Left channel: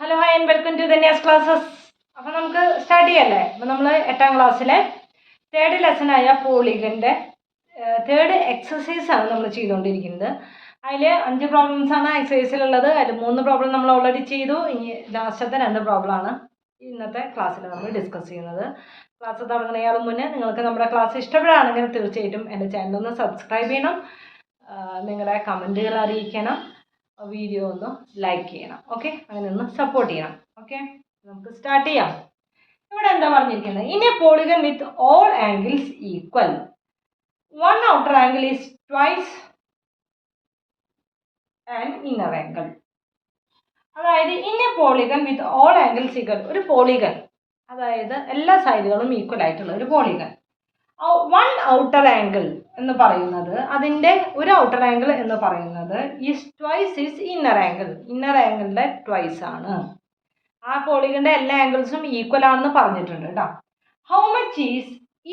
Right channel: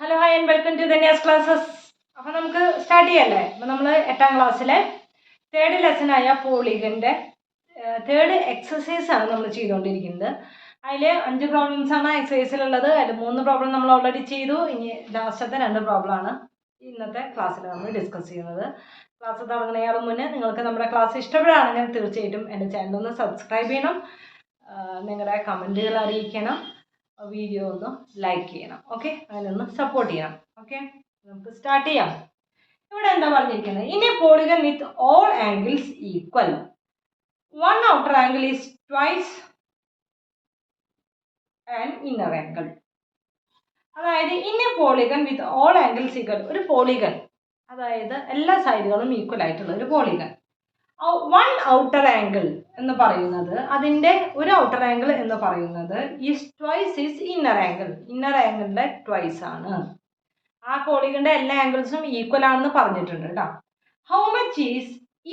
Hello hi and welcome to Dhanya's classes. അപ്പോൾ നമുക്ക് start ചെയ്യല്ലേ. അപ്പോൾ നമ്മൾ 8ാം ക്ലാസ്സിലെ തേർഡ് ലെസനായ പോളിഗൻ്റെ തേർഡ് എക്സസൈസാണ് നമ്മൾ ചെയ്തുകൊണ്ടിരിക്കുന്നത്. അതിൽ 5 പ്രോബ്ലംസാണ് എക്സസൈസിലുള്ളത്. അതിൽ 3 പ്രോബ്ലം നമ്മൾ ഓൾറെഡി ചെയ്തു. ഇനി ലാസ്റ്റത്തെ 2 പ്രോബ്ലമാണ് ഇന്നത്തെ ക്ലാസ്സിൽ നമ്മൾ ഡിസ്കസ് ചെയ്യുന്നത്. ക്ലാസ് തുടങ്ങുന്നതിന് മുന്നേ നിങ്ങൾക്ക് നമ്മുടെ ക്ലാസ് ഇഷ്ടപ്പെടുകയാണെങ്കിൽ തീർച്ചയായിട്ടും എൻ്റെ ചാനലൊന്ന് സബ്സ്ക്രൈബ് ചെയ്യണം, നിങ്ങളുടെ കമൻറ്റുകൾ അറിയിക്കണം, വീഡിയോ ഒന്ന് ലൈക്ക് ചെയ്യണം. ഓക്കെ, അങ്ങനെ ഒന്ന് സപ്പോർട്ട് ചെയ്യണം. ഓക്കെ, നമുക്ക് സ്റ്റാർട്ട് ചെയ്യാം. ഇവിടെ എന്താ പറഞ്ഞിരിക്കുന്നത്? In a polygon with all angles equal, one outer angle is twice and inner angle. അതായത് in a polygon with all angles equal, ഒരു പോളിഗൺ, അതായത് എല്ലാ സൈഡുകളും ഈക്വൽ ആയിട്ടുള്ള ഒരു പോളിഗൺ. വൺ ഔട്ടർ ആംഗിൾ എന്ന് പറയുന്നത്, അതിൻ്റെ ഒരു ഔട്ടർ ആംഗിൾ എന്ന് പറയുന്നത് is twice is inner angle, inner ആംഗിളിൻ്റെ ട്വൈസ് ആണ്. ആ പോളിഗണിൻ്റെ എല്ലാ ആംഗിൾസും ഈക്വൽ ആണെന്ന് പറഞ്ഞിട്ടുണ്ട് കേട്ടോ. How much is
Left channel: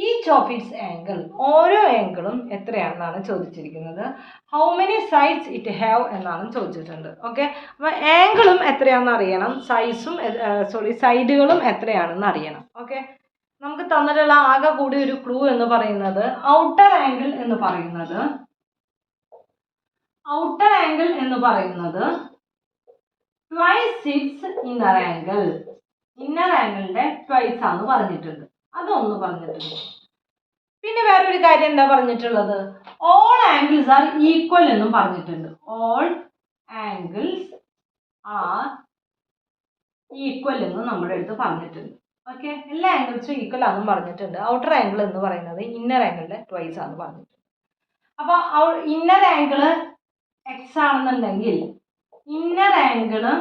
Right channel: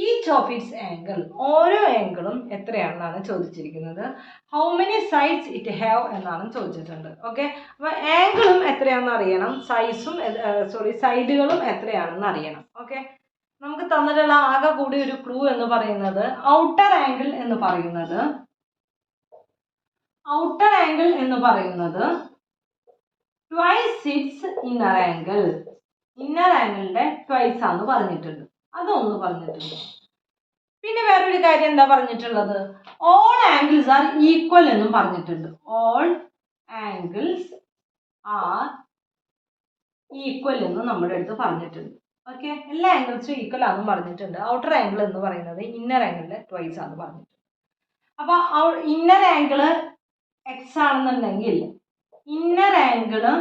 each of its angle, ഓരോ ആംഗിളും എത്രയാണെന്നാണ് ചോദിച്ചിരിക്കുന്നത്. How many sides it have എന്നാണ് ചോദിച്ചിട്ടുണ്ട്. ഓക്കെ, അപ്പോൾ ആംഗിളും എത്രയാണെന്ന് അറിയണം, സൈഡുകളും എത്രയാണെന്ന് അറിയണം. ഓക്കെ, നമുക്ക് തന്നിട്ടുള്ള ആകെ കൂടി ഒരു ക്ലൂ എന്ന് പറയുന്നത് ഔട്ടർ ആംഗിൾ എന്ന് പറയുന്നത് twice its inner angle, inner ആംഗിളിന്റെ ട്വൈസ് ആണെന്ന് പറഞ്ഞിട്ടുണ്ട്. അതൊന്ന് പറഞ്ഞിട്ടുണ്ട്. പിന്നെ വേറൊരു കാര്യം എന്താ പറഞ്ഞിട്ടുള്ളത്? ഓൾ ആംഗിൾസ് ആർ ഈക്വൽ എന്നും പറഞ്ഞിട്ടുണ്ട്. ഓൾ ആംഗിൾസ് ആർ ഈക്വൽ എന്നും നമ്മുടെ അടുത്ത് പറഞ്ഞിട്ടുണ്ട്. ഓക്കെ, എല്ലാ ആംഗിൾസും ഈക്വൽ ആണെന്നും പറഞ്ഞിട്ടുണ്ട്. ഔട്ടർ ആംഗിൾ എന്ന് പറയുന്നത് ഇന്നർ ആംഗിളിന്റെ ട്വൈസ് ആണെന്ന് പറഞ്ഞിട്ടുണ്ട്. അപ്പോൾ ഇന്നർ ആംഗിള് എക്സ് ആണെന്നുണ്ടെങ്കിൽ ഇന്നർ ആംഗിള്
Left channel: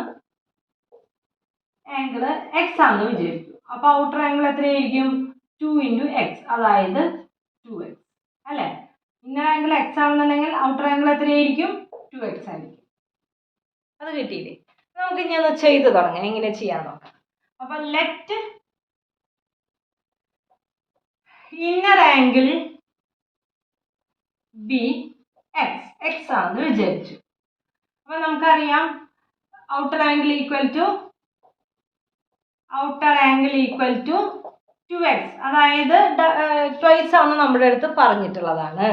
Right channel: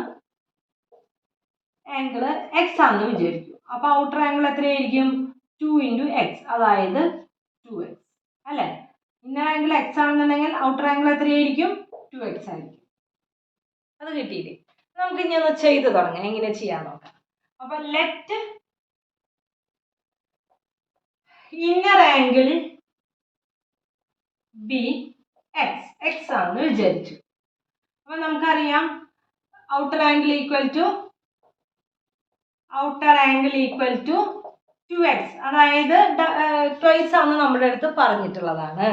എക്സ് ആണെന്ന് വിചാരിക്കും. അപ്പോൾ ഔട്ടർ ആംഗിൾ എത്രയായിരിക്കും? 2 × x, അതായത് 2x അല്ലേ. ഇന്നർ ആംഗിൾ എക്സ് ആണെന്നുണ്ടെങ്കിൽ ഔട്ടർ ആംഗിൾ എത്രയായിരിക്കും? 2x ആയിരിക്കും. അത് കിട്ടിയില്ലേ? നമുക്ക് ഇനി ഒന്ന് ചെയ്ത് തുടങ്ങാം. എങ്ങനെ ചെയ്യാൻ നോക്കാം. അപ്പോൾ let inner angle B X ആണെന്ന് വിചാരിച്ചു. അപ്പോൾ നമുക്കറിയാം outer angle equal to 2x, അതായത് ട്വൈസ് ആണ് നമ്മുടെ അടുത്ത് പറഞ്ഞിട്ടുള്ളതാണ്.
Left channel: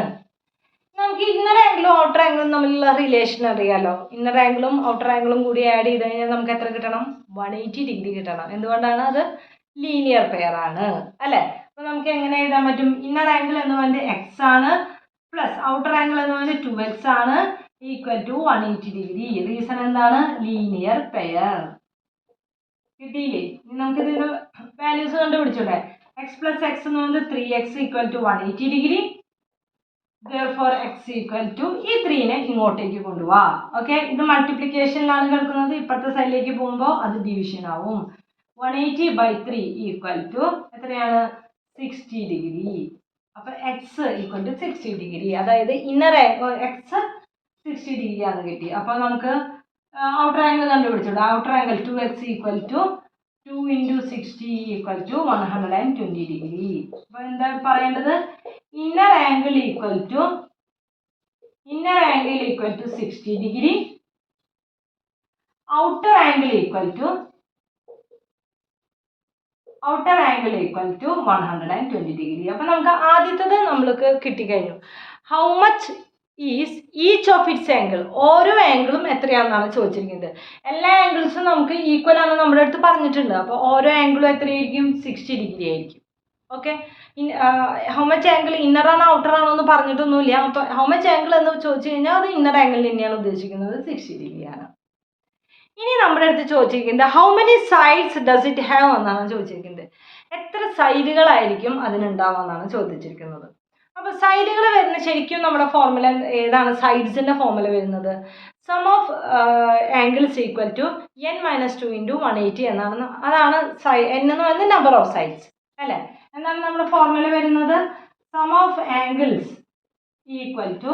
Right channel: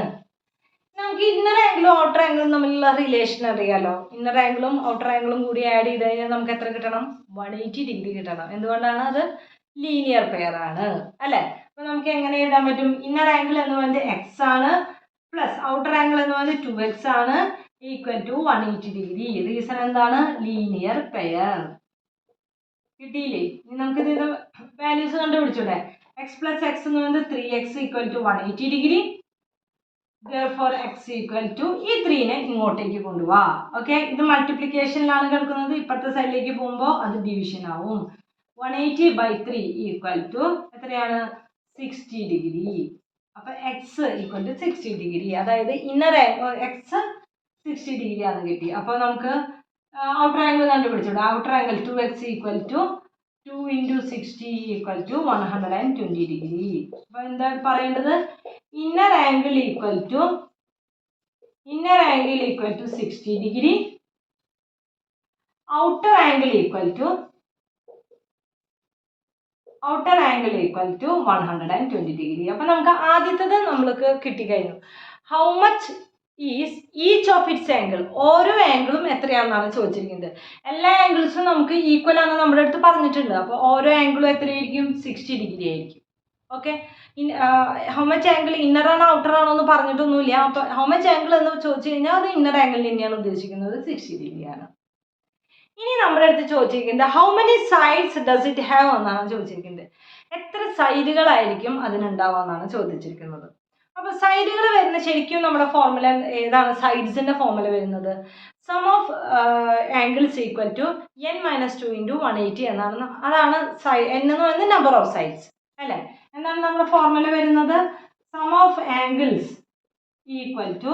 നമുക്ക് ഇന്നർ ആംഗിളും ഔട്ടർ ആംഗിളും തമ്മിലുള്ള റിലേഷൻ അറിയാലോ. ഇന്നർ ആംഗിളും ഔട്ടർ ആംഗിളും കൂടി ആഡ് ചെയ്ത് കഴിഞ്ഞാൽ നമുക്ക് എത്ര കിട്ടണം? 180 ഡിഗ്രി കിട്ടണം. എന്തുകൊണ്ടാണ്? അത് ലീനിയർ പെയർ ആണ് അല്ലേ. അപ്പോൾ നമുക്ക് എങ്ങനെ എഴുതാൻ പറ്റും? ഇന്നർ ആംഗിൾ എന്ന് പറയുന്നത് എക്സ് ആണ്, പ്ലസ് ഔട്ടർ ആംഗിൾ എന്ന് പറയുന്നത് 2x ആണ്, ഈക്വൽ ടു 180 ഡിഗ്രി. റീസൺ എന്താണ്? Linear pair. കിട്ടിയില്ലേ? ഇനി നമുക്ക് ഇതിന് വാല്യൂസ് കണ്ടുപിടിച്ചൂടെ? x പ്ലസ് എക്സ് എന്ന് പറയുന്നത് 3x equal to 180 degree. therefore x equal to ഈ 3നെ ഇങ്ങോട്ടേക്ക് കൊണ്ടുപോവാ. ഓക്കെ, ഇത് മൾട്ടിപ്ലിക്കേഷനിലാണ് കിടക്കുന്നത്. ഇപ്പുറത്തെ സൈഡിലേക്ക് പോകുമ്പോൾ അത് ഡിവിഷൻ ആവും. 180/3 ഈക്വൽ ടു എത്രയാണ്? 60 ഡിഗ്രി. അപ്പോൾ എക്സ് ഈക്വൽ ടു 60 ഡിഗ്രി, അതായത് ഇന്നർ എക്സ് 60 ഡിഗ്രി ആണ് കിട്ടി. അപ്പോൾ നമുക്ക് ഔട്ടർ ആംഗിൾ കണ്ടുപിടിച്ചിട്ടുണ്ട്. Outer angle 2x equal to 2 × 60 equal to 120 degree. അപ്പോൾ എന്താ പറയേണ്ടത്? Inner angle equal to 60 degree, outer angle equal to 120 degree. അപ്പോൾ നമുക്ക് ആദ്യത്തേത് നമ്മൾക്ക് കിട്ടിക്കഴിഞ്ഞു. How much is each of its angle, ഓരോ ആംഗിളും എത്രയാണെന്നാണ് ചോദിച്ചിരിക്കുന്നത്. എല്ലാ ആംഗിൾസും നമുക്ക് ഈക്വൽ ആണെന്ന് നമ്മുടെ അടുത്ത് പറഞ്ഞിട്ടുണ്ട്. അപ്പോൾ ഓരോ ആംഗിളും എത്രയായിരിക്കും? 60 ഡിഗ്രി ആയിരിക്കും. Okay, how much angle inner ആണോ ഔട്ടർ ആണോ എന്ന് പറഞ്ഞിട്ടൊന്നുമില്ല. അപ്പോൾ ഹൗ മച്ച് ആംഗിൾ എന്ന് ചോദിച്ചു കഴിഞ്ഞാൽ അത് ഇന്നർ ആംഗിൾ തന്നെയാണ് ഉദ്ദേശിക്കുന്നത്, 60 ഡിഗ്രിയാണ്. ഇനി നമ്മുടെ അടുത്ത് ചോദിച്ചിരിക്കുന്നത് how many sides does it have എന്നാണ് ചോദിച്ചിരിക്കുന്നത്. എത്ര സൈഡുകളായിരിക്കും അതിനുണ്ടാവുക എന്നാണ് ചോദിച്ചിരിക്കുന്നത്. അപ്പോൾ സൈഡുകൾ വരുന്ന ശരിക്കും നമ്മുടെ ഫോർമുല ഏതാണ്? സൈഡ്സിൻ്റെ ഫോർമുല വരുന്നത് sum of angles equal to n - 2 × 180 എന്നാണ്. അതാണ് n എന്ന് പറയുന്നത് നമ്പർ ഓഫ് സൈഡ്സ് അല്ലേ. എന്താണ് നമ്മുടെ ഫോർമുല വരുന്നത്? Sum of angles equal to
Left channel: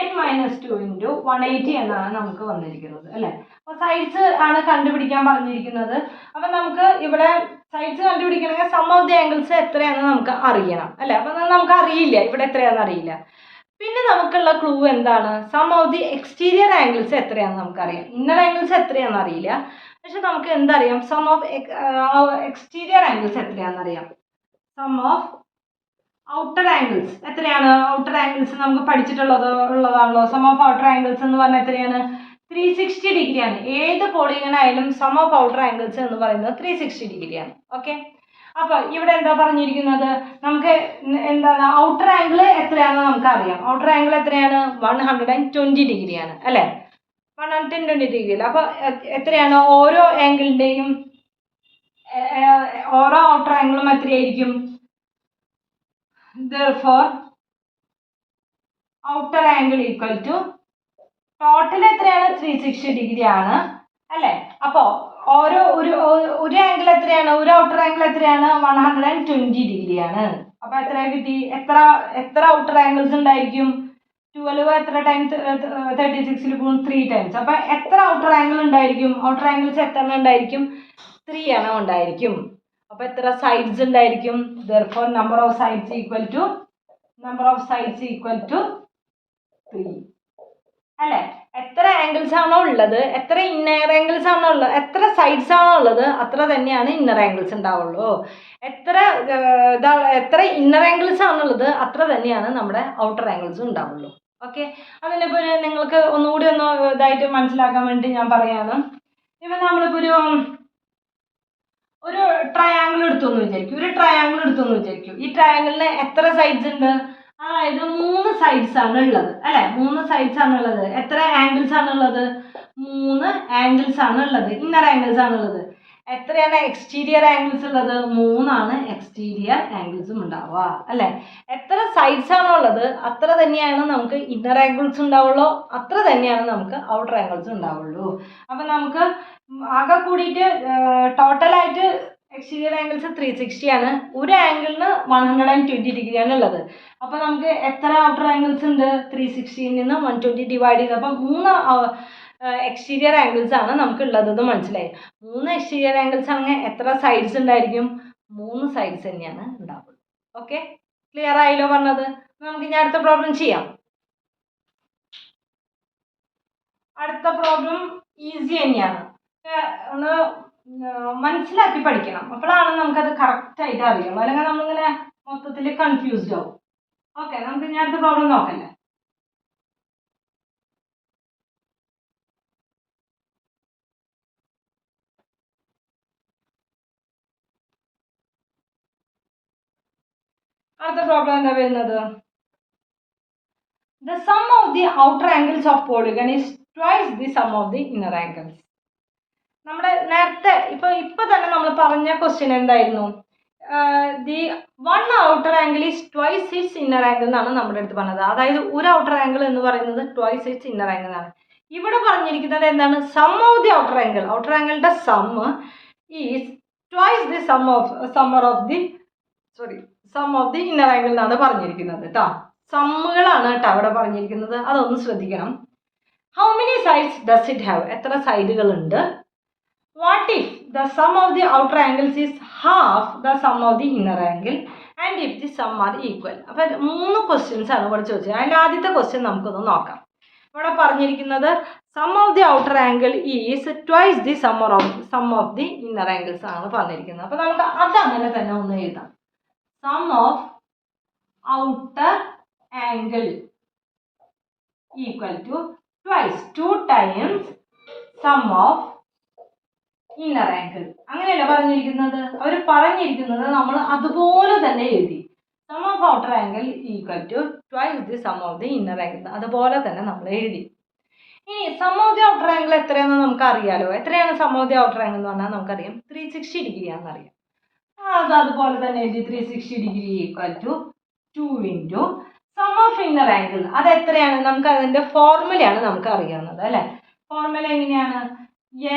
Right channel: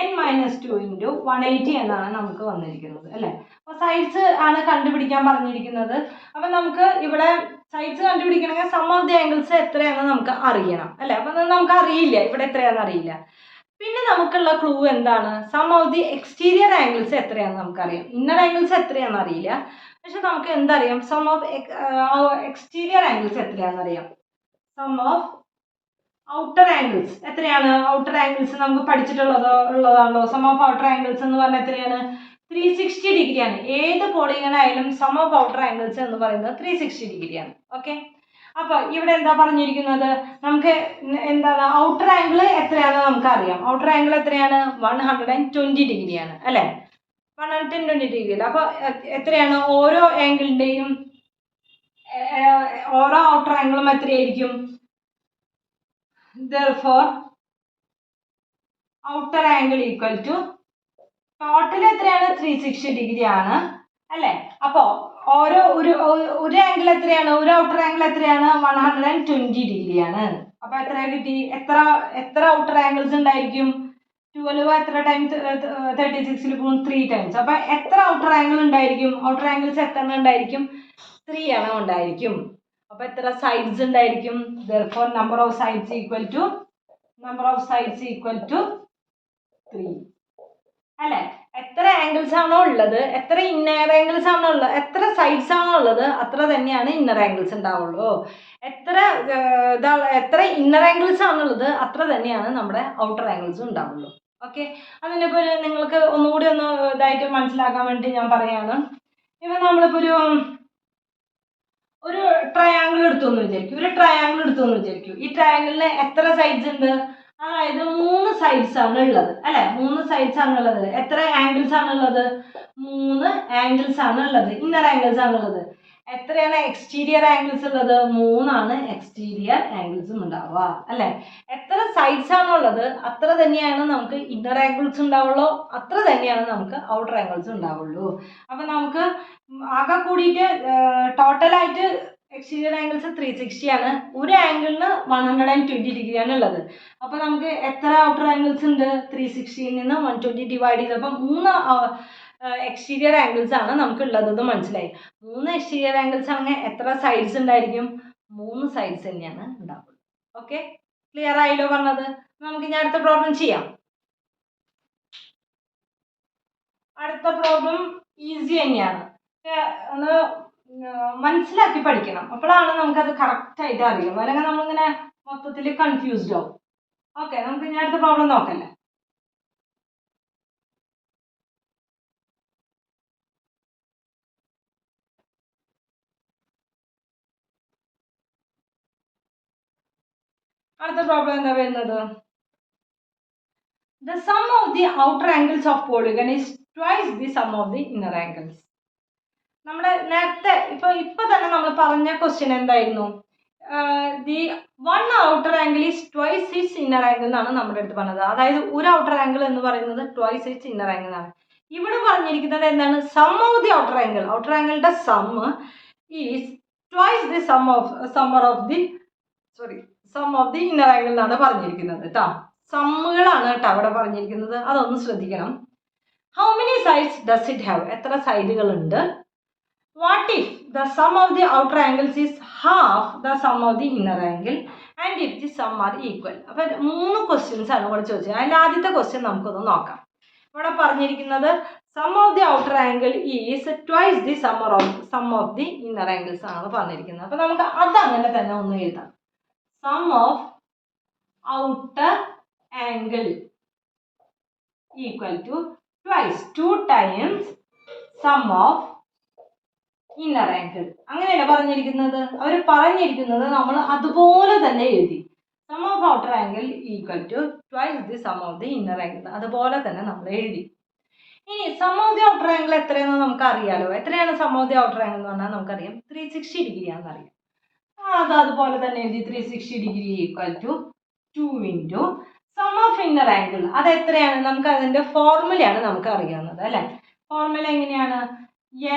n - 2 × 180 എന്നാണ് നമുക്ക് വന്നിരിക്കുന്നത് അല്ലേ. അപ്പോൾ സൈഡ്സ് ആണ് കണ്ടുപിടിക്കാൻ പറഞ്ഞിരിക്കുന്നത്. അപ്പം നമുക്ക് ഇവിടെ സൈഡ്സ് കണ്ടുപിടിക്കണമെങ്കിൽ സം ഓഫ് ദി ആംഗിൾസ് എത്രയാണെന്ന് നമുക്ക് അറിയണം അല്ലേ. അപ്പം നമുക്ക് അറിയില്ല ഇവിടെ എത്രയാണെന്ന് അറിയില്ല. പിന്നെ നമുക്കുള്ള ക്ലൂ എന്താണ്? Sum of the exterior angles എത്രയാണെന്ന് നമുക്കറിയാം. ഇന്നർ ആംഗിൾസ് എത്രയാണെന്ന് അറിയില്ല, പക്ഷെ നമുക്ക് എന്തറിയാം? സം ഓഫ് എക്സ്റ്റീരിയർ ആംഗിൾസ് എത്രയാണെന്ന് അറിയാം. സം ഓഫ് ഔട്ടർ ആംഗിൾസ് എത്രയാണ്? ഔട്ടർ ആംഗിൾസ് നമുക്ക് ഉള്ളതാണല്ലോ. സം ഓഫ് ഔട്ടർ ആംഗിൾസ് എന്ന് പറഞ്ഞാൽ എത്രയാണ്? 360 ഡിഗ്രിയാണ്. ഏത് പോളിഗണായാലും സം ഓഫ് ഔട്ടർ ആംഗിൾസ് എന്ന് പറയുന്നത് 360 ഡിഗ്രിയാണ്. ഓക്കെ, അപ്പോൾ ഇവിടെ എന്താ പറഞ്ഞിരിക്കുന്നത്? നമുക്ക് എന്താണ് ഔട്ടർ ആംഗിൾ എത്രയാണെന്ന് നമുക്കറിയാം. ഔട്ടർ ആംഗിൾ എത്രയാണ്? 120 ഡിഗ്രിയാണ് അല്ലേ? 120 ഡിഗ്രിയിൽ. അപ്പോൾ എത്രയാണ് ഓരോ ആംഗിളിൻ്റെയും ഓരോ ഔട്ടർ ആംഗിളും എത്രയായിരിക്കും? Therefore outer angle equal to total എത്രയാണ്? 360 ഡിഗ്രി ആണ് അല്ലേ? അപ്പോൾ ഒരു ആംഗിൾ എത്രയാണ്? ഒരു ഔട്ടർ ആംഗിൾ എത്രയാണ്? 120 ഡിഗ്രിയാണ്. അപ്പോൾ എത്ര കിട്ടി? എത്ര ഔട്ടർ ആംഗിൾസ് ഉണ്ടായിരിക്കും? 12 എത്ര ടൈംസ് 36ൽ പോകും? 3 ടൈംസ്. അപ്പോൾ എത്ര ഔട്ടർ ആംഗിൾ ഉണ്ടായിരിക്കും? ഔട്ടർ ആംഗിൾസ് എത്ര ഉണ്ടായിരിക്കും? 3 എണ്ണം ഉണ്ടായിരിക്കും. അപ്പോൾ എത്ര സൈഡ്സ് ഉണ്ടായിരിക്കും? Therefore number of sides equal to 3 അല്ലേ? എത്ര ആംഗിൾസ് ആണോ ഉള്ളത്, എത്ര ഇന്നർ ആംഗിൾസ് ആണോ ഉള്ളത്, എത്ര സൈഡ്സ് ആണോ ഉള്ളത്, അത്ര തന്നെയാണ് ഇന്നർ ആംഗിൾസ് ഉണ്ടാവുള്ളൂ. എത്ര ഇന്നർ ആംഗിൾസ് ആണുള്ളത്, അത്ര തന്നെയാണ് നമ്മുടെ ഔട്ടർ ആംഗിൾസും ഉണ്ടാവുള്ളൂ. ഓക്കെ, അതിനിപ്പോൾ നിങ്ങൾക്ക് ഒന്നുകൂടി ഇതായിട്ട് മനസ്സിലാക്കാൻ വേണ്ടി ഞാൻ പറയാണ്. ഇപ്പം നമ്മളിപ്പോൾ ഒരു ട്രയാങ്കിൾ എടുത്തു എന്ന് വിചാരിക്കും. ഈ ട്രയാങ്കിളിന് എത്ര സൈഡ്സ് ഉണ്ട്? അതായത് 3 സൈഡ്സ് ആണ് ഉള്ളത് അല്ലെ? 3 സൈഡ്സ് ആണ് ഉള്ളത്. എത്ര ആംഗിൾസ് ആണ് ഉള്ളത്? 3 ആംഗിൾസ് ആണ് ഉള്ളത്. ഇന്നർ ആംഗിൾസ് ആണ് ഉള്ളത്. എത്രയാണ് എക്സ്റ്റീരിയർ ആംഗിൾസ് ഉള്ളത്? 3 ആണ് എക്സ്റ്റീരിയർ ആംഗിൾസും ഉണ്ടാവുക അല്ലെ? എത്ര സൈഡ്സ് ആണോ ഉള്ളത്, അത്ര തന്നെയാണ് നമുക്ക് ഇന്നർ ആംഗിൾസ് ഉണ്ടാവുള്ളൂ, അത്ര തന്നെയാണ് നമുക്ക് ഔട്ടർ ആംഗിൾസ് ഉണ്ടാവുള്ളൂ. അപ്പം നമുക്ക് ആകെ കൂടിയിട്ട് ടോട്ടലായിട്ട് എക്സ്റ്റീരിയർ ആംഗിൾസ് 360 ആണ്. ഒരു ആംഗിളിന് 120 ഡിഗ്രിയാണ് ഉള്ളത്. അപ്പോൾ നമുക്ക് എത്ര ഔട്ടർ ആംഗിൾസ് ഉണ്ട്? 360ൽ നിന്ന് 120 ഡിവൈഡ് ചെയ്തപ്പോൾ 3 എക്സ്റ്റീരിയർ ആംഗിൾസ് ആണ് നമുക്ക് ഉള്ളതെന്ന് മനസ്സിലായി. 3 എക്സ്റ്റീരിയർ ആംഗിൾസ് ആണെങ്കിൽ എത്ര സൈഡ്സ് ഉണ്ടായിരിക്കും? 3 സൈഡ്സ് തന്നെയാണ് ഉണ്ടാവുള്ളൂ. ഓക്കെ, ക്ലിയർ ആയല്ലോ പറഞ്ഞത്? നമുക്ക് ഇനി അടുത്ത പ്രോബ്ലം ചെയ്യാം. അടുത്ത പ്രോബ്ലം ഈസി തന്നെയാണ്. ഒന്ന് മനസ്സിലാക്കി പഠിക്കണം, അപ്പോഴാണ് നമുക്കത് കറക്റ്റായിട്ട് അറിയുള്ളൂ. അല്ലെങ്കിൽ നമ്മളിങ്ങനെ മൊത്തത്തിൽ കൺഫ്യൂസ്ഡ് ആവും. ഓക്കെ, നമുക്ക് ഇനി അടുത്ത പ്രോബ്ലം നോക്കല്ലേ? അടുത്ത പ്രോബ്ലം എന്താ വരുന്നത്? The sum of the outer angles of polygon is twice the sum of the inner angles. നമ്മുടെ നേരത്തെ ഇപ്പൊ തന്നെ നമ്മൾ പറഞ്ഞ ക്വസ്റ്റ്യൻ എന്തായിരുന്നു? The one outer angle is twice its inner angle എന്നാണ് നമ്മുടെ അടുത്ത് പറഞ്ഞത്. അതായത് ഒരു ഔട്ടർ ആംഗിൾ എന്ന് പറയുന്നത് ട്വൈസ് ഇറ്റ്സ് ഇന്നർ ആംഗിൾ ആണ്. ഇവിടെ പറഞ്ഞിരിക്കുന്നത് എന്താണ്? Sum of the outer angle. Outer ആംഗിളിന്റെ sum is twice the sum of the inner angle എന്നാണ് പറഞ്ഞിരിക്കുന്നത് കേട്ടോ. സമ്മുകളാണ് കേട്ടോ അവിടെ പറഞ്ഞിരിക്കുന്നത്, അതൊന്ന് ശ്രദ്ധിക്കണം. How many sides does it have? എത്ര സൈഡുകളുണ്ട്? What if the sum of the outer angles is half the sum of the inner angle and if the sum are equal? അപ്പോൾ 3 ക്വസ്റ്റ്യൻസ് ആണ് ഇവിടെ ചോദിച്ചത്. അതിൽ ആദ്യത്തെ ക്വസ്റ്റ്യൻ നമുക്കൊന്ന് നോക്കാം. ഇവിടെ പറഞ്ഞിരിക്കുന്നത് sum of the outer angle is twice the sum of the inner angles ആണ് പറഞ്ഞിരിക്കുന്നത്. അപ്പോൾ നമുക്ക് അതങ്ങനെ തന്നെ ഒന്ന് എഴുതാം. Sum of outer angle equal to twice 2 times sum of inner angle. അങ്ങനെയല്ല പറഞ്ഞിരിക്കുന്നത്. അവർ പറഞ്ഞിരിക്കുന്നത് നമ്മൾ അതുപോലെ തന്നെ എഴുതി. Sum of outer angle equal to twice the sum of the inner angle, അതുപോലെ തന്നെ നമ്മൾ എഴുതി. ഇനി sum of the outer angle എത്രയാണെന്ന് നമുക്ക് അറിയാലോ. എത്രയാണ് sum of the outer angle എന്ന് പറഞ്ഞാൽ നമുക്കറിയാം 360 ഡിഗ്രി ആണെന്ന് അറിയാം. അതുപോലെ തന്നെ എഴുതി 360 degree equal to 2 into sum of inner angle. അത് എത്രയാണ്? നമുക്ക് അതിൻ്റെ ഫോർമുലയാണ് നമുക്ക് അറിയാവുന്നത് അല്ലേ? ഫോർമുല എങ്ങനെയാണ്?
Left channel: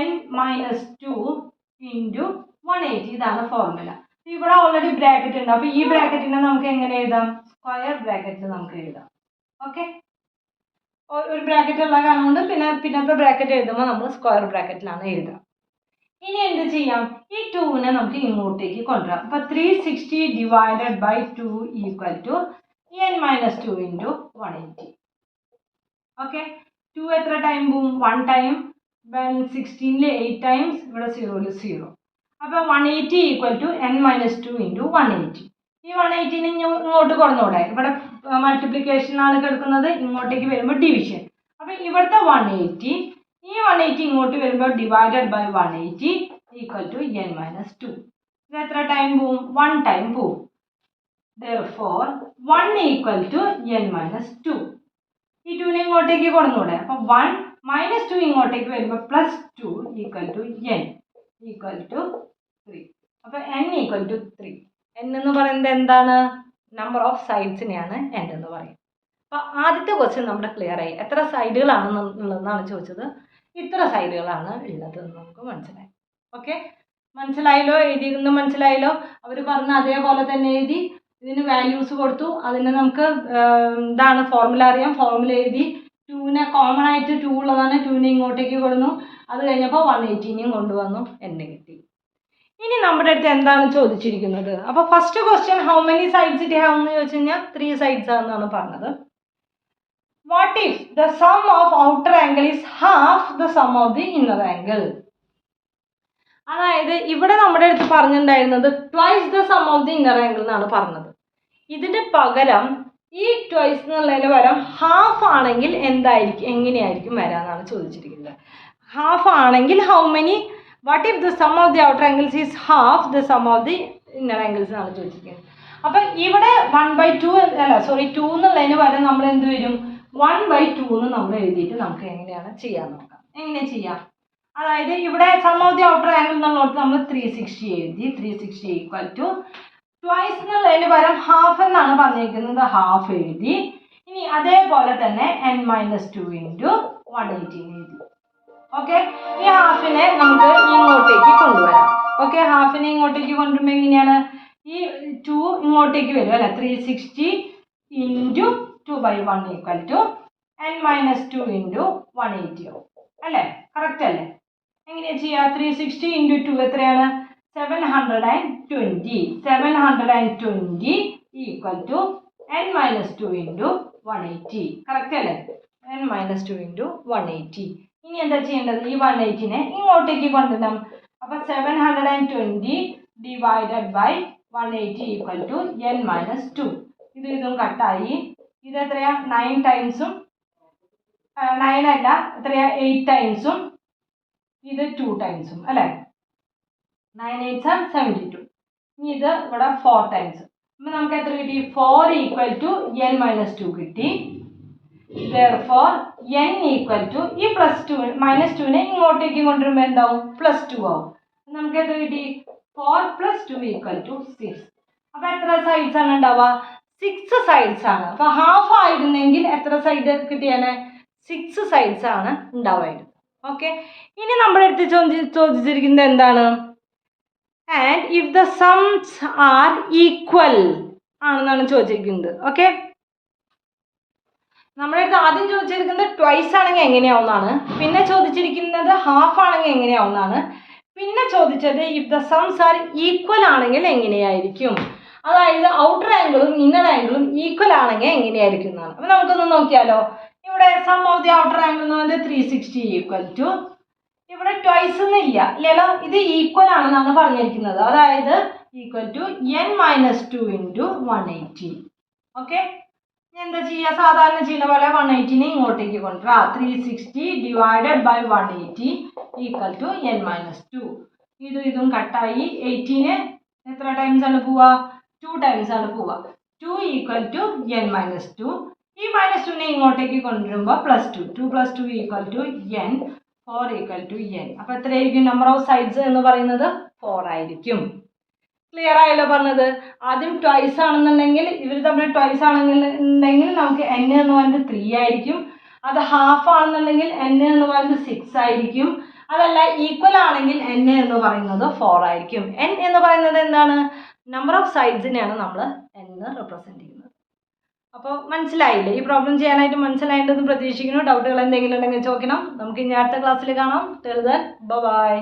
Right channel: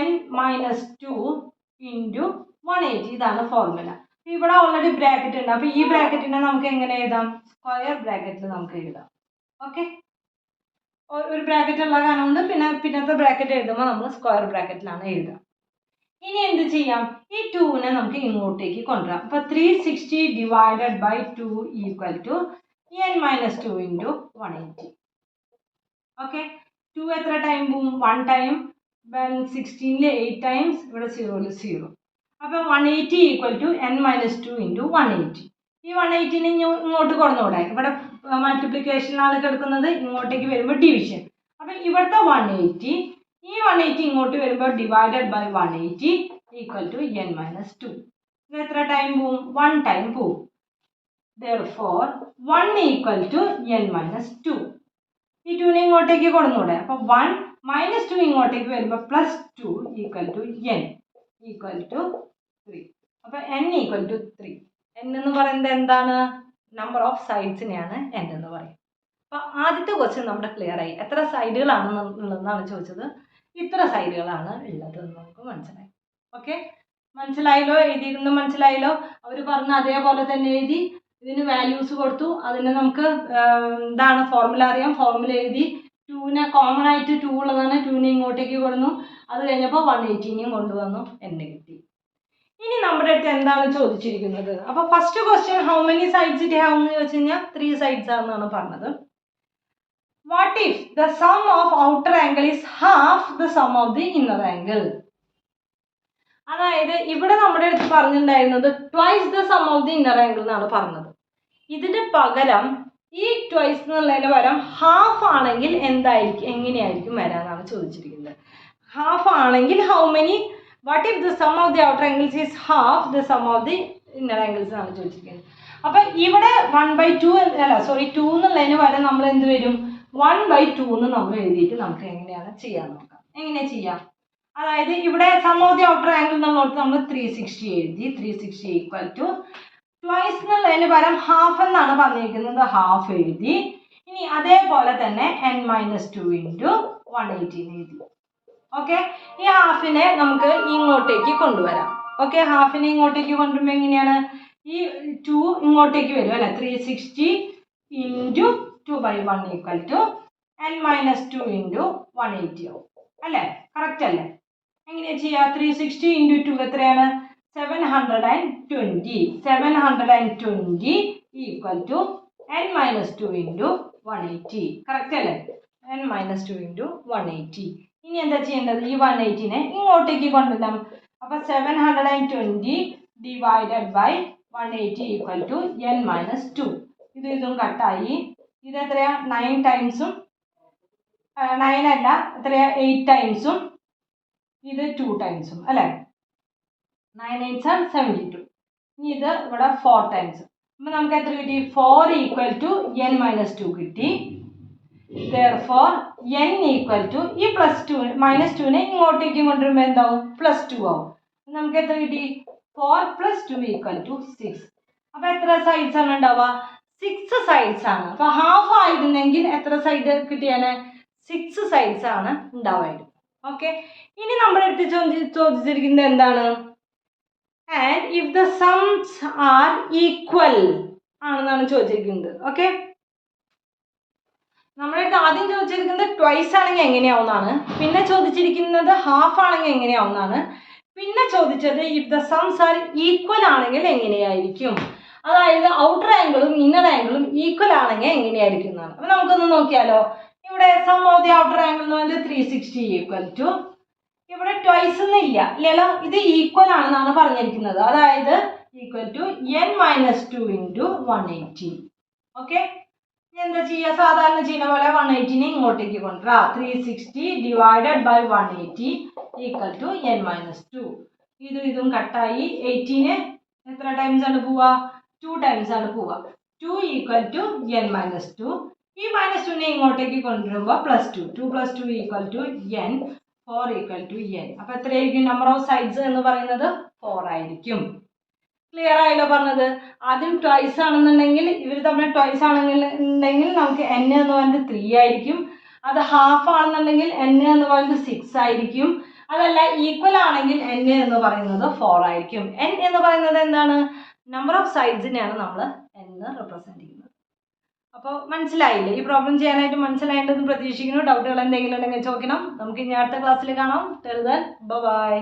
n - 2 into 180. ഇതാണ് ഫോർമുല. ഇവിടെ ഓൾറെഡി ബ്രാക്കറ്റ് ഉണ്ട്. അപ്പോൾ ഈ ബ്രാക്കറ്റിനെ നമുക്ക് എങ്ങനെ എഴുതാം? സ്ക്വയർ ബ്രാക്കറ്റിൽ നമുക്ക് എഴുതാം. ഓക്കെ, ഒരു ബ്രാക്കറ്റ് ഉള്ള കാരണം കൊണ്ട് പിന്നത്തെ ബ്രാക്കറ്റ് എഴുതുമ്പോൾ നമ്മൾ സ്ക്വയർ ബ്രാക്കറ്റിലാണ് എഴുതുക. ഇനി എന്ത് ചെയ്യാം? ഈ 2നെ നമുക്ക് ഇങ്ങോട്ടേക്ക് കൊണ്ടുവരാം. അപ്പോൾ 360 divided by 2 equal to n minus 2 into 180. Okay, 2 എത്ര ടൈം പോവും? 1 ടൈം. 16 8 ടൈംസ്, ഇവിടെ 0 0. അപ്പോൾ 180 equal to n minus 2 into 180. ഈ 180 ഇങ്ങോട്ട് കൊണ്ടുകൂടെ? ഇവിടെ മൾട്ടിപ്ലിക്കേഷനാണ് കിടക്കുന്നത്, ഇങ്ങോട്ടേക്ക് വരുമ്പോൾ ഡിവിഷൻ. അപ്പോൾ ഇവിടുത്തെ 180, ഈ 180 ഇങ്ങോട്ട് വരുമ്പോൾ divided by 180 equal to n minus 2. ഇത് എത്ര ടൈം പോവും? 1 ടൈം പോവും. Therefore 1 equal to n minus 2. ഈ 2നെ ഇങ്ങോട്ടേക്ക് കൊണ്ടുകൂടെ? അപ്പോൾ 1 minus 2 ഇങ്ങോട്ടേക്ക് വരുമ്പോൾ plus 2 equal to n equal to 3. അപ്പോൾ n ഈക്വൽ ടു 3. n എന്ന് പറയുന്നത് എന്താണ്? നമ്പർ ഓഫ് സൈഡ്സിനെയാണ് n എന്ന് പറയും. അപ്പോൾ ആദ്യത്തെ ക്വസ്റ്റ്യൻ നമ്മുടെ ക്ലിയർ ആയി. എത്ര സൈഡുകളാണ് ഉള്ളതെന്നാണ് ചോദിച്ചത്. ഇത്ര സൈഡുകളാണ് ഉള്ളത് എന്ന് നമുക്ക് മനസ്സിലായി. ഓക്കെ, മനസ്സിലായല്ലോ? എഴുതിയിരുന്ന് മനസ്സിലായല്ലോ? അവർ പറഞ്ഞ അതേപോലെ തന്നെ എഴുതി. ഇതിന് വാല്യൂസ് കൊടുത്തു. അതിന് നമുക്ക് എന്താണ് ഫോർമുല അറിയാം. ഫോർമുല എഴുതി. 2നെ കോമൺ ആയിട്ട് 2 ഉള്ളതാണ്. 2നെ ഇങ്ങോട്ടേക്ക് കൊടുന്നു. അത് കഴിഞ്ഞപ്പോൾ 180നെയും കൊണ്ടുവന്നു. n കിട്ടി. ഇനി നമ്മുടെ അടുത്ത് എന്താണ് ചോദിച്ചിരിക്കുന്നത്? അപ്പോൾ first question how many sides it have എന്ന് ചോദിച്ചു കഴിഞ്ഞാൽ 3 സൈഡ്സ് ആണെന്നാണ് പറഞ്ഞത്. What if the sum of outer angle is half the sum of the inner angle? അതായത് ഇവിടെ നമ്മുടെ അടുത്ത് പറഞ്ഞിട്ടുണ്ടായിരുന്നത് twice the sum of the inner angle എന്നാണ് പറഞ്ഞത്. ഇതിന് പകരം ഈ ട്വൈസ് എന്നുള്ളതിന് പകരം ഹാഫ് ആണെങ്കിൽ എന്തായിരിക്കും, എങ്ങനെയായിരിക്കും വരാനാണ് ചോദിച്ചിരിക്കുന്നത്. ഹാഫ് ആണെങ്കിൽ how many, what if the sum of the outer angles is half the sum of the inner angles എന്നാണ് ചോദിച്ചിരിക്കുന്നത്. അപ്പം ഇവിടെ 1/2 അല്ല സോറി 2 എന്നുള്ളതിന് പകരം നമ്മൾ എന്ത് വരും? 1/2 എന്ന് നമ്മൾ എഴുതിയിട്ട് നമുക്ക് എങ്ങനെയാണ് ചെയ്യാൻ നോക്കാം. എങ്ങനെയാണ് ചെയ്യാം? അതായത് ഇവിടെ sum of the outer angle എന്നുള്ളത് നമ്മൾ 360 എഴുതി. 360 ഈക്വൽ ടു ട്വൈസ് എന്നുള്ളതിന് പകരം ഹാഫ് എന്നാണ് പറഞ്ഞിരിക്കുന്നത്. ഹാഫ് എഴുതി. ഇനി അതേപോലെ തന്നെ n minus 2 into 180 എഴുതി. ഓക്കെ, ഈ ഹാഫിനെ നമുക്ക് ഇങ്ങോട്ടേക്ക് കൊണ്ടുവരാം. ഓക്കെ, ഹാഫിനെ ഇങ്ങോട്ടേക്ക് കൊണ്ടുവരുമ്പോൾ എങ്ങനെയാണ്? ഈ 2 ഇങ്ങോട്ടേക്ക് വരും അല്ലേ? 360 into 2/1 equal to n minus 2 into 180 ആവും അല്ലേ? കറക്റ്റ് അല്ലേ? എങ്ങനെയാണ് ചെയ്യുക? 360 into 2 എത്രയാണ്? 720. 720 equal to n minus 2 into 180. Correct അല്ലേ? n minus 2 into 180. ഇനി എന്താ ചെയ്യേണ്ടത്? ഈ 180നെ ഇങ്ങോട്ടേക്ക് കൊണ്ടുവരണം. അപ്പോൾ 720 divided by 180 equal to n minus 2. ഇതും കട്ടായി. ഇത് എത്രയാ? 9 ടൈംസും 9 അല്ല എത്രയാ? 8 ടൈംസും ഇത് 2 ടൈംസും അല്ലേ? 9 8s are 72. ഇനി ഇത് ഇവിടെ 4 ടൈംസ്. അപ്പോൾ നമുക്ക് എത്ര കിട്ടി? 4 ഈക്വൽ ടു n minus 2 കിട്ടി. Therefore n ഈക്വൽ ടു ഈ +2 -2നെ ഇങ്ങോട്ടേക്ക് കൊണ്ടുവരുമ്പോൾ എന്താവും? +2 ആവും. നമുക്ക് എത്ര കിട്ടി? 4 + 2 ഈക്വൽ ടു 6. അപ്പോൾ എത്ര സൈഡ്സ് ആണ് ഉണ്ടാവുക? 6 സൈഡ്സ് ആണ്. അപ്പോൾ ഹാഫ് ആയിരുന്നെങ്കിൽ എത്ര സൈഡ് കിട്ടിയാണ്? 6 സൈഡ്സ് ആണ് ഉണ്ടാവുമായിരുന്നു. ഓക്കെ, ഇനി നമ്മുടെ അടുത്ത് ചോദിച്ചിരിക്കുന്നത് എന്താണ്? And if the sums are equal ആണെന്നാണ് ചോദിച്ചിരിക്കുന്നത്. ഓക്കെ, നമ്മുടെ അടുത്ത് ആദ്യം ചോദിച്ചിരിക്കുന്നത് ട്വൈസ് ആണെങ്കിൽ എങ്ങനെയാവുന്നതാണ്. പിന്നെ ചോദിച്ചിരിക്കുന്നത് ഹാഫ് ആണെങ്കിൽ എങ്ങനെയാവുന്നതാണ്. പിന്നെ ചോദിച്ചത് if the sums are equal ആണെങ്കിൽ എങ്ങനെയായിരിക്കും. അതായത് ഔട്ടർ ആംഗിളും ഇന്നർ ആംഗിളും ഈക്വൽ ആണെങ്കിൽ എങ്ങനെയായിരിക്കും എന്നാണ്. അപ്പോൾ നമുക്കൊന്ന് നോക്കിയാലോ. ഇവിടെ sum of the outer angle എന്ന് പറയുന്നത് 360 ഈക്വൽ ടു ഇവിടെ ട്വൈസ് ഒന്നുമില്ല ഇല്ലല്ലോ. ഇത് ഈക്വൽ ആണെന്നാണ് പറഞ്ഞിരിക്കുന്നത്. അതായത് equal to n minus 2 into 180. Okay, എന്താ ചെയ്യുക? സാധാരണ ചെയ്യുന്ന പോലെ 180നെ ഇങ്ങോട്ടേക്ക് കൊണ്ടുവരാം. 360 divided by 180 equal to n minus 2. ഇതും കട്ടായി. 18 എത്ര ടൈംസ് ആണ് പോവുക? 2 ടൈംസ് ആണ് പോവുക. 2 ഈക്വൽ ടു n minus 2. ഈ -2നെ ഇങ്ങോട്ടേക്ക് കൊണ്ടുവരുമ്പോൾ +2. 2 + 2 equal to n. 4 equal to n. അപ്പോൾ എത്രയായിരിക്കും നമ്പർ ഓഫ് സൈഡ്സ് എന്ന് പറയുന്നത്? 4 ആയിരിക്കും. ക്ലിയർ ആയല്ലോ പറഞ്ഞത്? ആദ്യം ട്വൈസ് ആണെന്നുണ്ടെങ്കിൽ ഇവർ തമ്മിൽ ട്വൈസ് ആണെന്നുണ്ടെങ്കിൽ നമുക്ക് n എന്ന് പറയുന്നത് 3 ആയിരിക്കും. അത് ഹാഫ് ആണെന്നുണ്ടെങ്കിൽ n എന്ന് പറയുന്നത് 6 ആയിരിക്കും. അതല്ല ഈക്വൽ ആണെങ്കിൽ n എന്ന് പറയുന്നത് 4 ആയിരിക്കും. n എന്ന് പറയുന്നത് എന്താണ്? നമ്പർ ഓഫ് സൈഡ്സിനെയാണ് നമ്മൾ എന്ന് റെപ്രസെൻറ്റ് ചെയ്യുന്നത്. അപ്പോൾ മനസ്സിലായില്ലേ? ഈ പ്രോബ്ലം ചെയ്യാനായിട്ട് മനസ്സിലായിട്ടുണ്ടെന്ന് പ്രതീക്ഷിക്കുന്നു. ഡൗട്ടുകൾ എന്തെങ്കിലും ഉണ്ടെങ്കിൽ ചോദിക്കണം. നമുക്ക് ഇനി അടുത്ത ക്ലാസ്സിൽ കാണാം. Till then bye.